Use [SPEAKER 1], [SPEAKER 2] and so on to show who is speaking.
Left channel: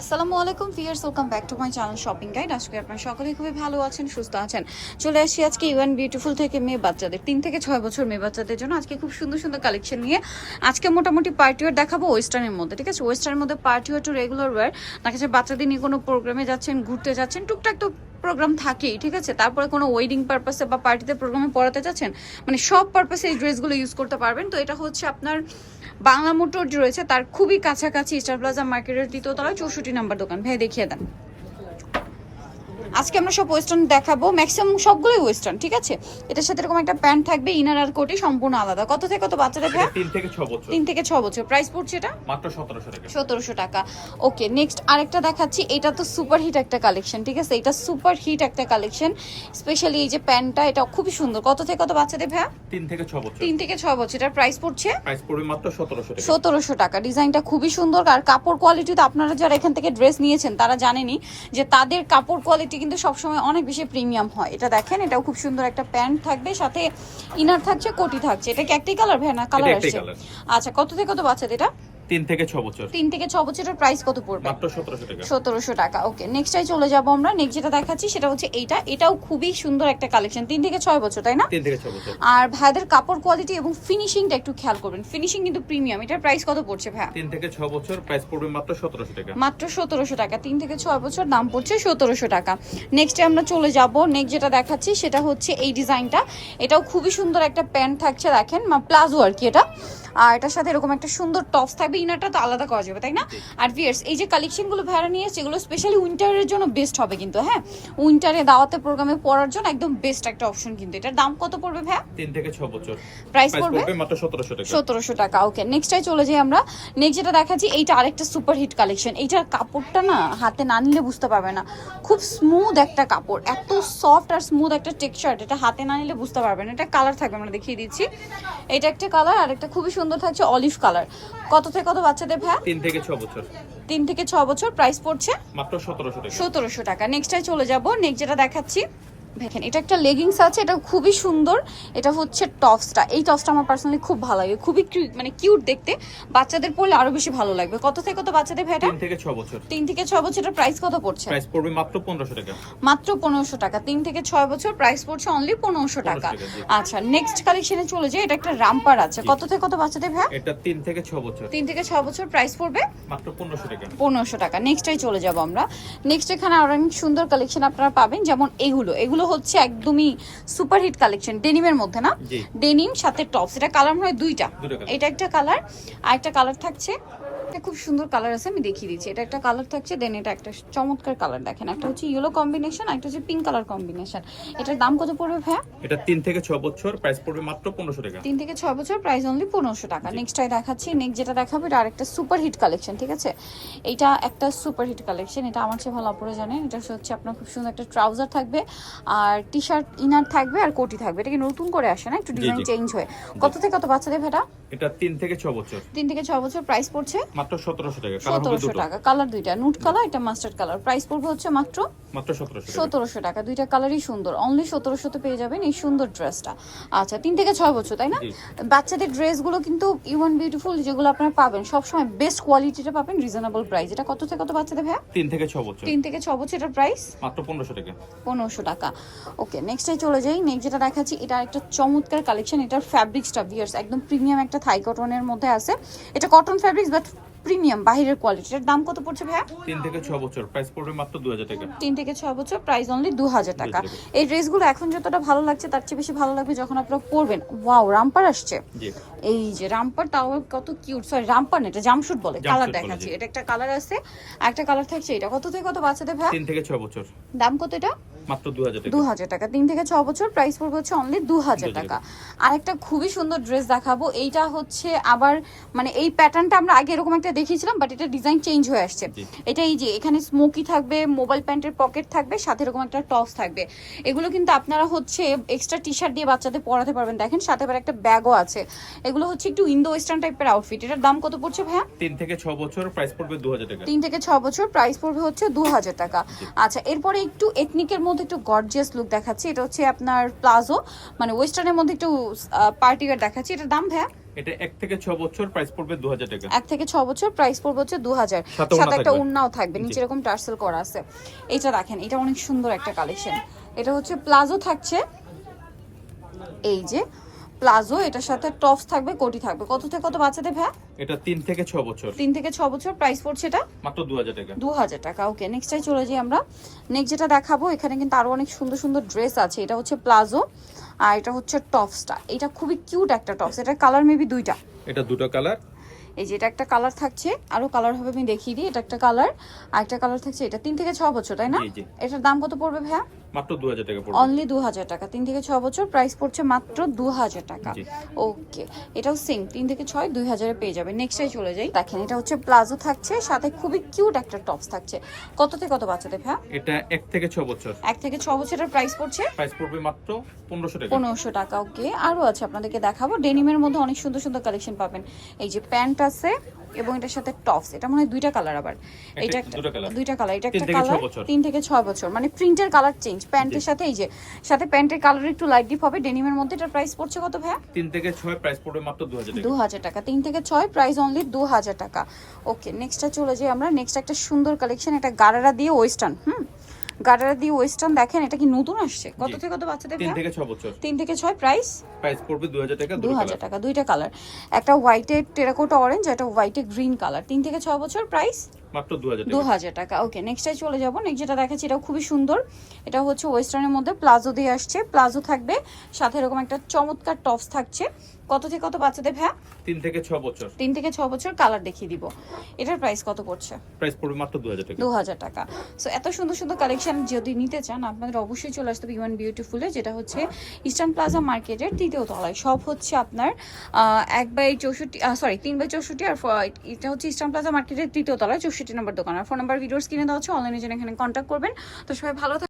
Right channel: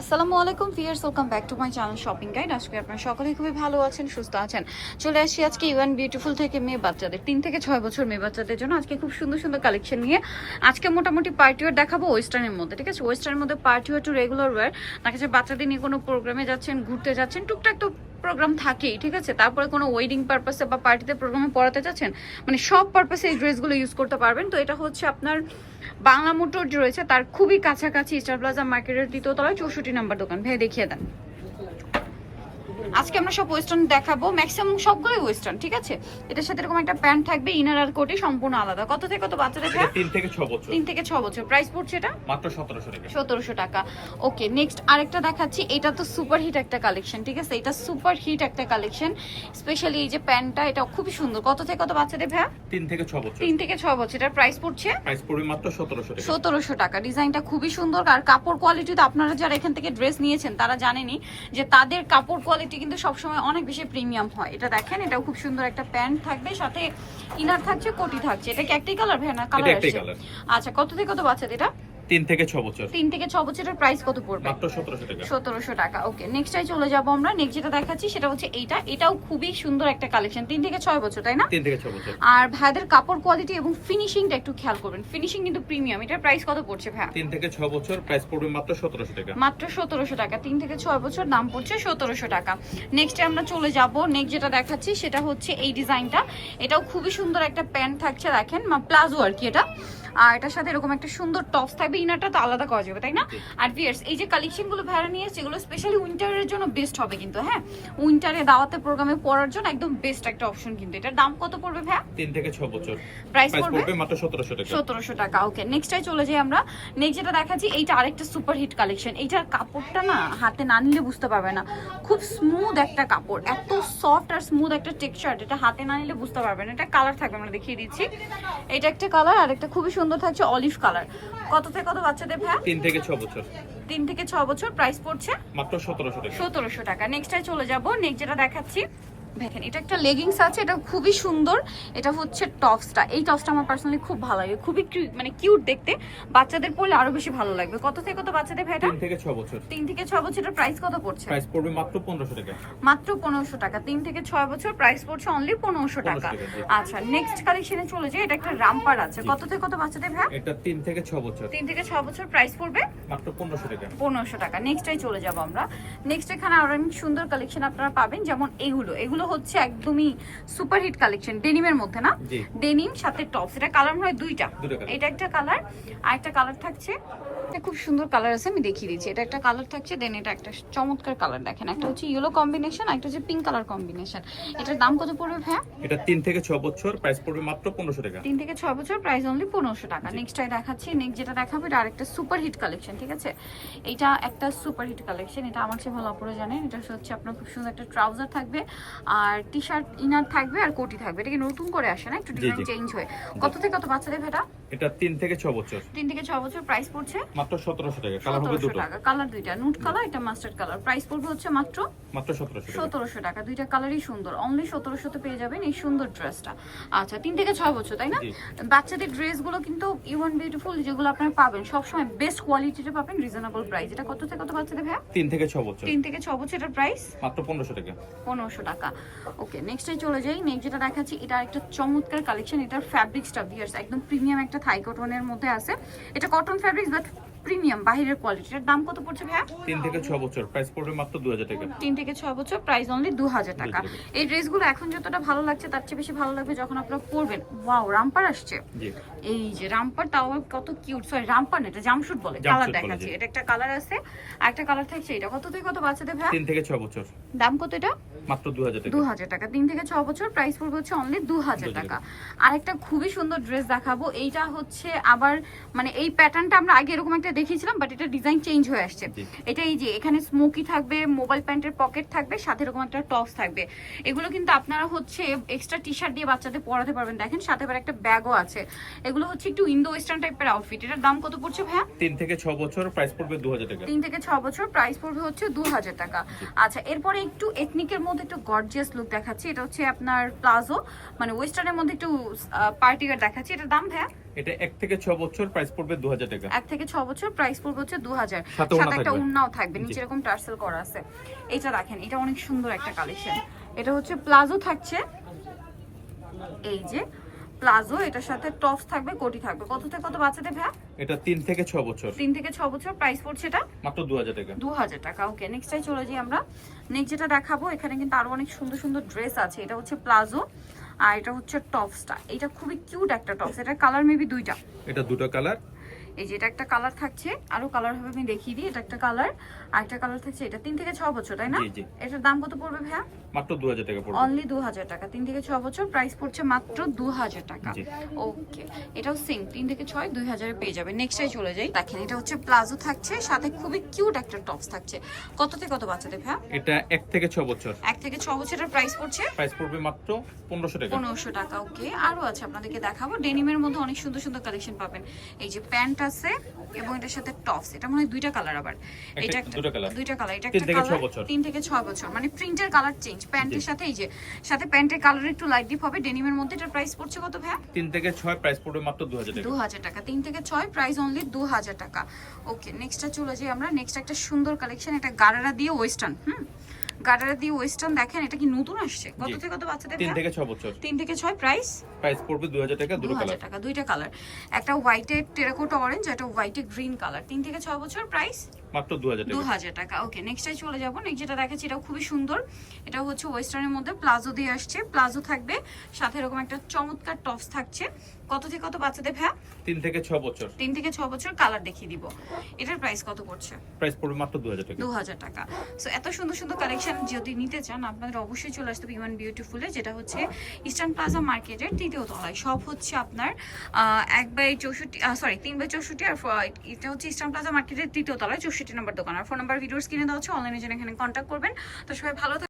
[SPEAKER 1] আসসালামু আলাইকুম fierce welcome back to my channel shopping guide. আজকে আপনারা সকলেই খুবই ভালো আছেন, সুস্থ আছেন। চলে আসি আজকে ইউএন বিউটিফুল থেকে মেয়ে বাচ্চাদের, তিন থেকে ছয় বছর মেয়ে বাচ্চাদের জন্য আজকে খুব সুন্দর সুন্দর কালেকশন নিয়ে আজকে মোটামুটি পার্টি ওয়ার দেখাবো ওয়েস্টার্নের মধ্যে, ঠিক আছে? ওয়েস্টার্নের মধ্যে party wear to regular wear, দেখা যাচ্ছে বাচ্চাদের নিয়ে কোনো প্রোগ্রামে যাচ্ছেন, ঘুরতে যাচ্ছেন, টুকটাক তো প্রোগ্রাম থাকেই, ঠিক আছে? তারপরে কোনো ওয়েডিং পারপাসে বা পার্টিতে প্রোগ্রামে পড়াতে চাচ্ছেন মানে সব পারপাসে এই ড্রেসগুলো ইউজ করতে পারবেন। তো এটা হচ্ছে আপনার বাংলা মোটর যে রয়েছে, তার খুবই কাছাকাছি স্টার প্লাজা মার্কেটের দ্বিতীয় তলায় চৌষট্টি নাম্বার দোকান। ভাই দেখিয়ে দেন। আজকে আমরা সব ওয়েস্টার্ন দেখাবো। ম্যাক্সিমাম সবগুলোই ওয়েস্টার্ন ঠিক আছে? এটার সাথে এরকম একটা প্যান্ট থাকবে ইনার আর কোটি সম্পূর্ণ আলাদা। কত থেকে কত বাচ্চাদের
[SPEAKER 2] তিন থেকে ছ বছর।
[SPEAKER 1] তিন থেকে ছ বছর। প্রাইস পড়ছে এটা?
[SPEAKER 2] মাত্র সতেরোশো টাকা।
[SPEAKER 1] সতেরোশো টাকা। ওকে নেক্সট আরেকটা দেখাচ্ছি। এটা তো সুপার হিট একটা কালেকশন ঠিক আছে? এটা সুপার হিট একটা কালেকশন স্পেশালি এই যে প্যান্টটা এটা খুবই সুন্দর। কত থেকে কত বাচ্চাদের ভাইয়া?
[SPEAKER 2] তিন থেকে ছ বছর।
[SPEAKER 1] তিন থেকে ছ বছর। এটার প্রাইস পড়ছে?
[SPEAKER 2] প্রাইস পড়বে মাত্র সতেরোশো টাকা।
[SPEAKER 1] সতেরোশো টাকা। ডিজাইনটা খুবই সুন্দর। আর কাপড় কোয়ালিটি তো আপনারা যারা এখান থেকে ড্রেস নিয়েছেন তারা জানেনই যে তাদের কাপড় কোয়ালিটি কিন্তু সবসময় অনেক বেশি প্রিমিয়াম হয়। এটা দেখেন এটাও খুব সুন্দর একটা প্যান্ট থাকবে সাথে ইনার থাকছে কোটি থাকছে। এটা কি একটাই কালার ভাই না কালার আসছে? আচ্ছা কত থেকে কত বাচ্চা এটা?
[SPEAKER 2] তিন থেকে ছ বছর।
[SPEAKER 1] তিন থেকে ছ বছরের প্রাইস কত পড়বে?
[SPEAKER 2] মাত্র সতেরোশো টাকা।
[SPEAKER 1] সতেরোশো টাকা ওকে নেক্সটাই চলে যাব আমরা। নেক্সট যেটা দেখাচ্ছি সেটা হচ্ছে এইটা। এটাও খুবই সুন্দর একটা কালেকশন তিন থেকে ছয় বছর তাই না?
[SPEAKER 2] তিন থেকে ছ বছর।
[SPEAKER 1] আর ভাইদের কাপড় কোয়ালিটি এবং ফিনিশিংটা একটু খেয়াল করবেন। ফিনিশিং কিন্তু প্রিমিয়াম এটার প্রাইস কত পড়ছে ভাই
[SPEAKER 2] তিন থেকে ছ বছর প্রাইস পড়বে মাত্র সতেরোশো টাকা।
[SPEAKER 1] মাত্র সতেরোশো টাকা। তিন থেকে ছয় বছর দাম পড়ছে সতেরোশো টাকা। নেক্সটে আমরা চলে যাব। নেক্সট যেটা দেখাচ্ছি সেটা হচ্ছে এই ডিজাইনটা এটাও খুবই সুন্দর একটা প্যান্ট থাকছে দেখেন। প্লাজো আর কি এটা? আর এটার সাথে এরকম একটা সুন্দর টপস থাকবে ইনারটা তো আলাদা করা যাবে তাই না? আর ভিয়ার্স এই যে কালেকশনগুলো ভাড়া নিয়ে এগুলো স্পেশালি উইন্টারের জন্য বেস্ট হবে কিন্তু হ্যাঁ? উইন্টারে দাওয়াতে প্রোগ্রামে পড়ার জন্য একদম বেস্ট একটা অপশন কিন্তু। এটার দাম কত পড়বে ভাই
[SPEAKER 2] তিন থেকে ছ বছর।
[SPEAKER 1] প্রাইস পড়বে?
[SPEAKER 2] মাত্র সতেরোশো টাকা।
[SPEAKER 1] সতেরোশো টাকা ওকে নেক্সটাই চলে যাই আমরা। নেক্সট যেটা দেখাচ্ছি এইটা আরেকটা সুপার হিট কালেকশন এইটার কাপড়টা না হাতে না নিলে বুঝতে পারবে না। খুব স্মুথ একটা কাপড় এত সফট আর স্মুথ একটা টেক্সচার এটা হাতে না নিলে বুঝতে পারবে না। এটা কালার থাকবে আমরা দেখিয়ে দিচ্ছি। এটা একটা কালার আর একটা খুবই সুন্দর থাকছে অলিভ কালার কত থেকে কত বাচ্চাদের ভাই?
[SPEAKER 2] তিন থেকে ছ বছর।
[SPEAKER 1] তিন থেকে ছ বছর। প্রাইস পড়ছে?
[SPEAKER 2] মাত্র সতেরোশো টাকা।
[SPEAKER 1] সতেরোশো টাকা। নেক্সটাই চলে যাব। নেক্সট যেটা দেখাচ্ছি দেখেন এটা একটা লেগিংস আছে এটা খুবই সুন্দর। এটা হচ্ছে টপসটা এই টপসটা আমার পার্সোনালি খুব ভালো লাগে। খুবই মানে কিউট দেখতে। বাচ্চাদের পরলে আরও বেশি ভালো লাগবে। কত থেকে কত বাচ্চাদের ভেটা
[SPEAKER 2] তিন থেকে ছ বছর।
[SPEAKER 1] তিন থেকে ছয় বছরের প্রাইস কত পড়ছে?
[SPEAKER 2] প্রাইস পড়বে মাত্র পনেরোশো টাকা।
[SPEAKER 1] মাত্র পনেরোশো টাকা। তিন থেকে ছয় বছর প্রাইস পড়ছে অনলি পনেরোশো টাকা।
[SPEAKER 2] 1500 টাকা,
[SPEAKER 1] আচ্ছা নেক্সট কালেকশনে চলে যাই। এটা একটা রামপার আছে। কত থেকে কত বাচ্চাদের ভ্যা
[SPEAKER 2] এটা তিন থেকে ছ বছর।
[SPEAKER 1] তিন থেকে ছয় বছর প্রাইস পড়বে?
[SPEAKER 2] মাত্র পনেরোশো টাকা।
[SPEAKER 1] পনেরোশো টাকা। নেক্সটে চলে যাব আমরা। নেক্সট এখানে আরও অনেক সুন্দর কালেকশন আপনারা পাবেন। যেমন এগুলো। এগুলো হচ্ছে একদমই সুপার হিট কালেকশন ডেনিমের মধ্যে না? ডেনিম সাথে টপস এটা কালার হয় দুইটা। এটা একটা কালার আর একটা কালার থাকছে এটা খুব সুন্দর কালার আছে আমি দেখিয়ে দিচ্ছি। এটা একটা কালার থাকছে দেন এটা একটা চমৎকার কালার দেখেন। একটা হচ্ছে ইয়েলো কম্বিনেশন একটা হচ্ছে পিঙ্ক কালার কম্বিনেশন এটার দাম কত পড়বে ভাইয়া?
[SPEAKER 2] এটা তিন থেকে ছ বছর প্রাইস পড়বে মাত্র পনেরোশো টাকা।
[SPEAKER 1] তিন থেকে ছয় বছর প্রাইস অনলি পনেরোশো টাকা। নেক্সটটাই দেখাচ্ছি নেক্সট যেটা দেখাবো এটা আরেকটা সুপার হিট কালেকশন ঠিক আছে? এটা একটা সুপার হিট কালেকশন এটা আমার চেয়ে ভালো অপরে জানেন। এটা হচ্ছে আপনার খুব সুন্দর একটা ট্রাউজার থাকবে আর টি শার্ট ইনার থাকবে আর কোটি থাকবে। এটা কি নতুন করে আসে না? একটু ডিজাইন চেঞ্জ হয়ে। কত থেকে কত বাচ্চাদের ভেটা
[SPEAKER 2] এটা? তিন থেকে ছ বছর।
[SPEAKER 1] তিন থেকে ছয় বছর প্রাইস পড়ছে?
[SPEAKER 2] মাত্র সতেরোশো টাকা কালার হবে দুটো।
[SPEAKER 1] টাকা কালার দুইটা। নুট কালার একটা মাস্টার্ড কালার প্রাইস পড়বে হচ্ছে মাত্র
[SPEAKER 2] মাত্র সতেরোশো টাকা।
[SPEAKER 1] সতেরোশো টাকা। দুইটা কালারই সুন্দর। অনলি সতেরোশোতে পেয়ে যাবেন এই সুন্দর ড্রেসটা আচ্ছা তিন থেকে ছয় বছর তাই না? বাচ্চাদের ড্রেসগুলো কিন্তু ইউন বিউটিফুল যেগুলো আপনারা পাবেন সবসময় বেস্ট কোয়ালিটিটা পাবেন রিজনেবল প্রাইস এটা কত থেকে কত বাচ্চাদের ভাইয়া?
[SPEAKER 2] তিন থেকে ছ বছর।
[SPEAKER 1] তিন থেকে ছ বছর এটার প্রাইস
[SPEAKER 2] মাত্র পনেরোশো টাকা।
[SPEAKER 1] পনেরোশো টাকা। ওকে নেক্সটে চলে যাই। নেক্সট যেটা দেখাচ্ছি এটা একটা চমৎকার কালেকশন এটার ফ্যাব্রিক্সটা ভিয়ার্স একদম প্রিমিয়াম একটা থাই কটনের মধ্যে আছে। এটা কটন ফ্যাব্রিক্স বাট প্রিমিয়াম বাহিরের কোয়ালিটির দাম কত পড়ছে ভাইয়া?
[SPEAKER 2] তিন থেকে 6 বছর। প্রাইস পড়বে মাত্র দু হাজার টাকা।
[SPEAKER 1] তিন থেকে ছয় বছর প্রাইস অনলি দু হাজার টাকা। এই ড্রেসগুলো এখন যতটা ভালো লাগছে তার চেয়ে বেশি ভালো লাগবে যখন আপনারা পরবেন। ওয়াও রামপার আসছে।
[SPEAKER 2] জি।
[SPEAKER 1] এই যে রামপার তাও কত কিউট সরি রামপার না এটা জামশুট বলে কালার দেখাচ্ছি। এটা একটা কালার আছে আর একটা কালার থাকছে এটা। কত থেকে কত বাচ্চাদের ভাই?
[SPEAKER 2] তিন থেকে ছ বছর।
[SPEAKER 1] দাম কত এটা?
[SPEAKER 2] মাত্র দু হাজার টাকা।
[SPEAKER 1] দু হাজার টাকা। তিন থেকে ছ বছর প্রাইস পড়বে হচ্ছে অনলি দু হাজার
[SPEAKER 2] 2000
[SPEAKER 1] টাকা। আরেকটা খুবই সুন্দর ড্রেস দেখাবো এইটা হচ্ছে আবার মানে এই প্যাটার্নটা আমরা আগে এরকম একটা দেখিয়েছিলাম বাট এটা ডিজাইন চেঞ্জ হয়ে আসছে। এটা এই যে এখানে স্মোকি থাকবে মোবাইল প্যান্টের পকেট থাকবে সাথে এরকম একটা টপস থাকবে। এগুলো কিন্তু আপনারা হচ্ছে এক্সট্রা টি শার্ট দিয়ে বাচ্চাদের পরাতে পারবেন। দেখেন সাথে আবার একটা ব্যাগও আছে। এগুলো হচ্ছে একটু ইন্দো ওয়েস্টার্ন টাইপের আউটফিট এটার দাম কত পড়ছে ভাইয়া?
[SPEAKER 2] তিন থেকে ছ বছর প্রাইস পড়বে দু হাজার টাকা।
[SPEAKER 1] তিন থেকে ছ বছর প্রাইস পড়বে হচ্ছে দু হাজার টাকা আচ্ছা এরপরে একটু এথনিকের মধ্যে একটু গর্জিয়াস লুক দেখাচ্ছি। এটা হচ্ছে আপনার প্লাজো মানে ওয়েস্টার্নের মধ্যে একটু পার্টিওয়ার দেখাচ্ছি। এটার দাম ভাইয়া?
[SPEAKER 2] এটা এক থেকে ছ বছর প্রাইস পড়বে দু হাজার টাকা।
[SPEAKER 1] এক থেকে ছ বছর প্রাইস পড়বে হচ্ছে দু হাজার
[SPEAKER 2] সাথে
[SPEAKER 1] একটা উন্নাও থাকবে। নিচে এরকম টার্সেল করা আছে। এটা দেখেন এটা অনেক সুন্দর একটা কালেকশন এটা হচ্ছে প্লাজো থাকছে। এই যে প্লাজো এটার সাথে টপস থাকবে কোটি থাকবে। কত থেকে কত বাচ্চাদের ভ্যা
[SPEAKER 2] এটা তিন থেকে ছ বছর।
[SPEAKER 1] তিন থেকে ছ বছর প্রাইস পড়ছে এটা
[SPEAKER 2] মাত্র দু হাজার টাকা।
[SPEAKER 1] দু হাজার টাকা ওকে নেক্সটে চলে যাই আমরা। নেক্সট যেটা দেখাবো এখানে কিন্তু আরও অনেক সুন্দর সুন্দর ড্রেস আছে। এটা হচ্ছে প্লাজো আর এটা হচ্ছে টপসটা। এটা খুবই কিউট একটা টপস এটা কালার মেবি দুইটা।
[SPEAKER 2] এটা দুটো কালার
[SPEAKER 1] এই যে এটা একটা কালার থাকছে আরও কালার হবে আমি দেখিয়ে দিই এটা একটা কালার আর একটা কালার থাকছে এটা তিন থেকে ছ বছর তাই না? এটার দাম কত পড়বে ভাইয়া?
[SPEAKER 2] মাত্র টাকা পড়বে।
[SPEAKER 1] অনলি দু হাজার টাকা তিন থেকে বছর প্রাইস পড়ছে মাত্র দু হাজার টাকা। ওকে এটাও সেম থেকে পেয়ে যাবে। নেক্সটাই চলে যাই। দেখেন এটা হচ্ছে প্লাজো থাকছে সাথে খুবই কিউট একটা টপস থাকছে। কত থেকে কত বাচ্চাদের
[SPEAKER 2] এটা থেকে ছ বছর।
[SPEAKER 1] এক থেকে ছ বছরের প্রাইস পড়ছে?
[SPEAKER 2] প্রাইস পড়বে মাত্র টাকা।
[SPEAKER 1] ওকে আছে আপনাদেরকে দেখাবো। ডেনিমের মধ্যে অনেক সুন্দর সুন্দর কালেকশন পাবেন। এই যে প্যান্ট আছে এবং এটার সাথে টপস এটা মনে হয় দুইটা কালার আবার। এটা
[SPEAKER 2] দুটো কালার
[SPEAKER 1] দুইটা কালার এটা একটা
[SPEAKER 2] ছয়
[SPEAKER 1] কালার
[SPEAKER 2] বছর।
[SPEAKER 1] তিন থেকে ছয় বছর। মানে প্রিন্টের কালার চেঞ্জ প্যান্টের সাথে এই যে সাথে প্যান্টের কালার একটু লাইট ডিপ হবে। ডেনিমের মধ্যে এটার প্রাইস পড়ছে কত ভাইয়া?
[SPEAKER 2] তিন থেকে ছয় প্রাইস পড়বে মাত্র দু হাজার
[SPEAKER 1] দু
[SPEAKER 2] টাকা।
[SPEAKER 1] হাজার টাকা। তিন থেকে ছয় প্রাইস অনলি দু হাজার টাকা। ওকে নেক্সটটা চলে যাই আমরা। নেক্সট একটা সুন্দর কালেকশন এটা গারারা দিয়ে ওয়েস্টার্ন হুম? গারারা দিয়ে ওয়েস্টার্ন দেখেন এটা কি নতুন আসছে? কত থেকে কত বাচ্চাদের
[SPEAKER 2] তিন
[SPEAKER 1] ভাইয়া?
[SPEAKER 2] থেকে ছ বছর।
[SPEAKER 1] তিন থেকে ছয় প্রাইস
[SPEAKER 2] প্রাইস পড়বে দু হাজার টাকা দুটো কালার
[SPEAKER 1] টাকা দুইটা কালার একটা টেরাকোটা অরেঞ্জ একটা হোয়াইটে গ্রিন কালার তিন থেকে ছয় বছর প্রাইস
[SPEAKER 2] মাত্র দু হাজার
[SPEAKER 1] দু
[SPEAKER 2] টাকা
[SPEAKER 1] হাজার টাকা ওকে নেক্সটে চলে যাব। নেক্সট যেটা দেখাচ্ছি এটাও খুবই সুন্দর। এটা হচ্ছে ওয়েস্টার্নের মধ্যে প্লাজো দিয়ে আসছে। প্লাজো থাকবে সাথে এরকম একটা চমৎকার টপস থাকছে। কত থেকে কত বাচ্চাদের ভ্যা
[SPEAKER 2] তিন থেকে ছ বছর।
[SPEAKER 1] তিন থেকে ছ বছর কালার দেখিয়ে দিব। এটার প্রাইস কত পড়ছে?
[SPEAKER 2] প্রাইস পড়বে মাত্র দু হাজার টাকা।
[SPEAKER 1] দু হাজার টাকা। সো এত সুন্দর সুন্দর কালেকশন যদি নিতে চান, আপনাদের অবশ্যই চলে আসতে হবে ইউএন বিউটিফুলে যেটা হচ্ছে ইস্টার্ন প্লাজা মার্কেটের তৃতীয় তলায় সব হচ্ছে আপনার এক বাই চৌষট্টি সরি তিন বাই চৌষট্টি আর এটা হচ্ছে ইস্টার্ন প্লাজা মার্কেটের তৃতীয় তলায়, চৌষট্টি নম্বর দোকান আর ফোন নাম্বার ভিডিওস কিনে দেওয়া হচ্ছে অনলাইনে যেন এখানে কন্ট্যাক্ট করবেন তো সবাই ভালো।